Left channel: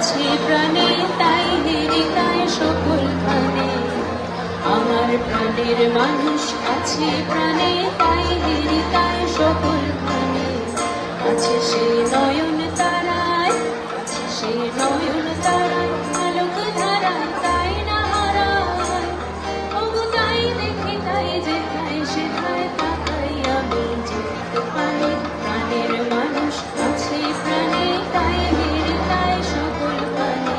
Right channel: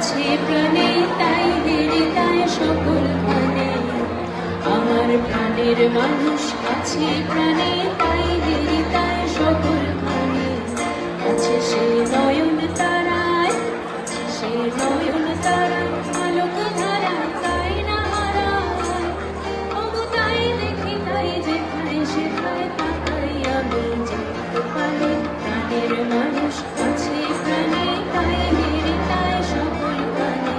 আছে প্রাণে তাই হৃদয় সকলখানে আমার প্রাণের মানুষ আছে প্রাণে তাই হৃদয় সকলখানে আছে সেই নয়ন তারায় আছে সেই নয়ন তারায় আলোক ধারায় তাই না হারায় তবু তাই দেখি তাই যেখানে সেখানে তাকাই আমি যেতে পারি প্রাণের মানুষ আছে প্রাণে তাই হৃদয় সকলখানে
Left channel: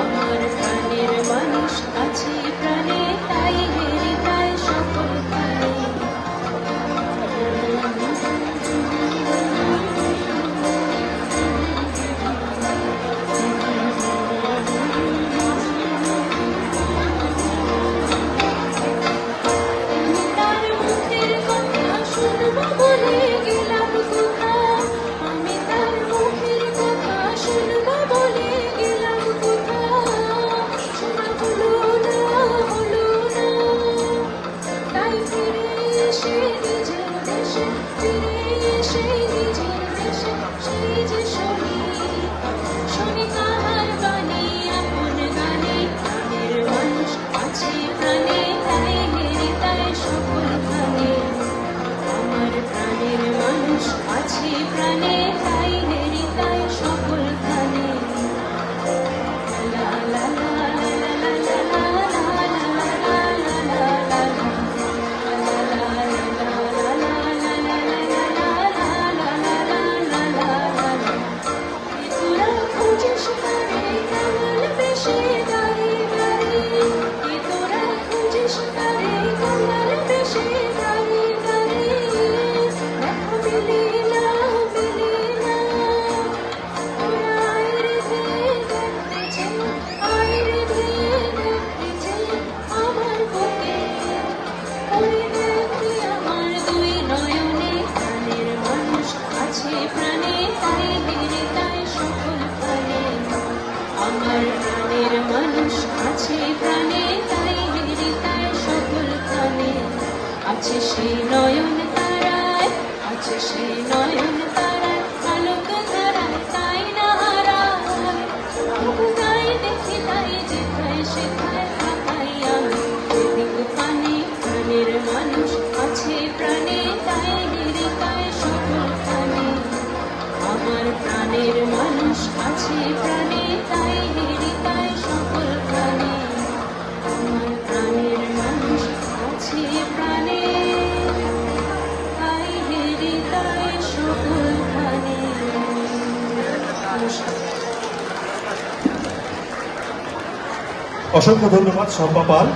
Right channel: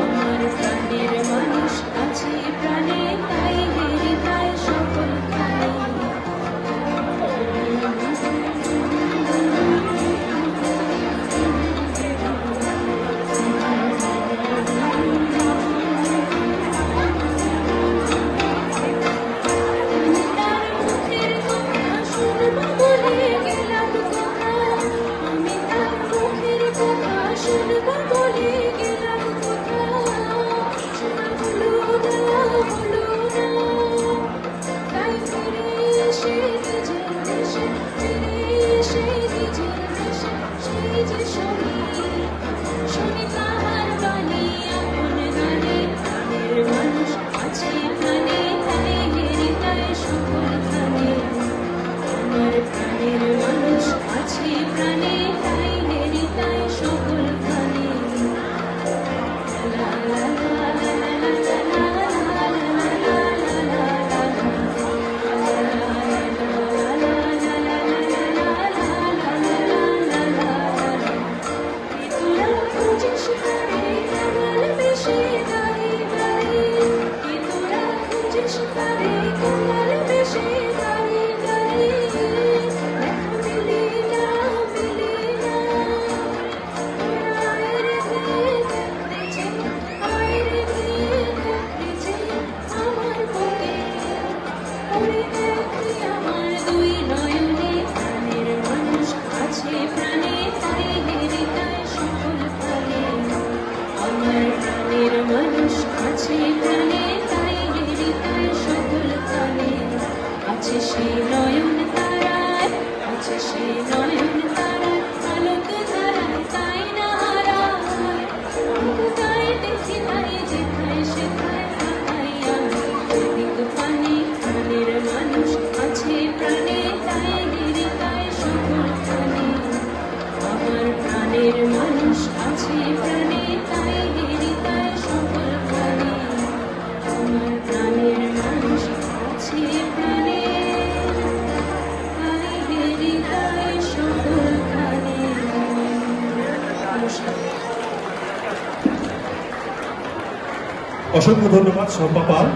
আমার প্রাণের মানুষ আছে প্রাণে তাই হৃদয় সকলখানে আছে সেই নয়ন তারায় আছে সেই নয়ন তারায় আলোক ধারায় তাই না হারায় তবু তাই দেখি তাই যেখাই সেখানে তাকাই আমি যেতে পারি প্রাণের মানুষ আছে প্রাণে তাই হৃদয় সকলখানে আমার প্রাণের মানুষ আছে প্রাণে তাই হৃদয় সকলখানে আমার প্রাণের মানুষ আছে প্রাণে তাই হৃদয় সকলখানে। অসংখ্য ধন্যবাদ শম্পা পাল।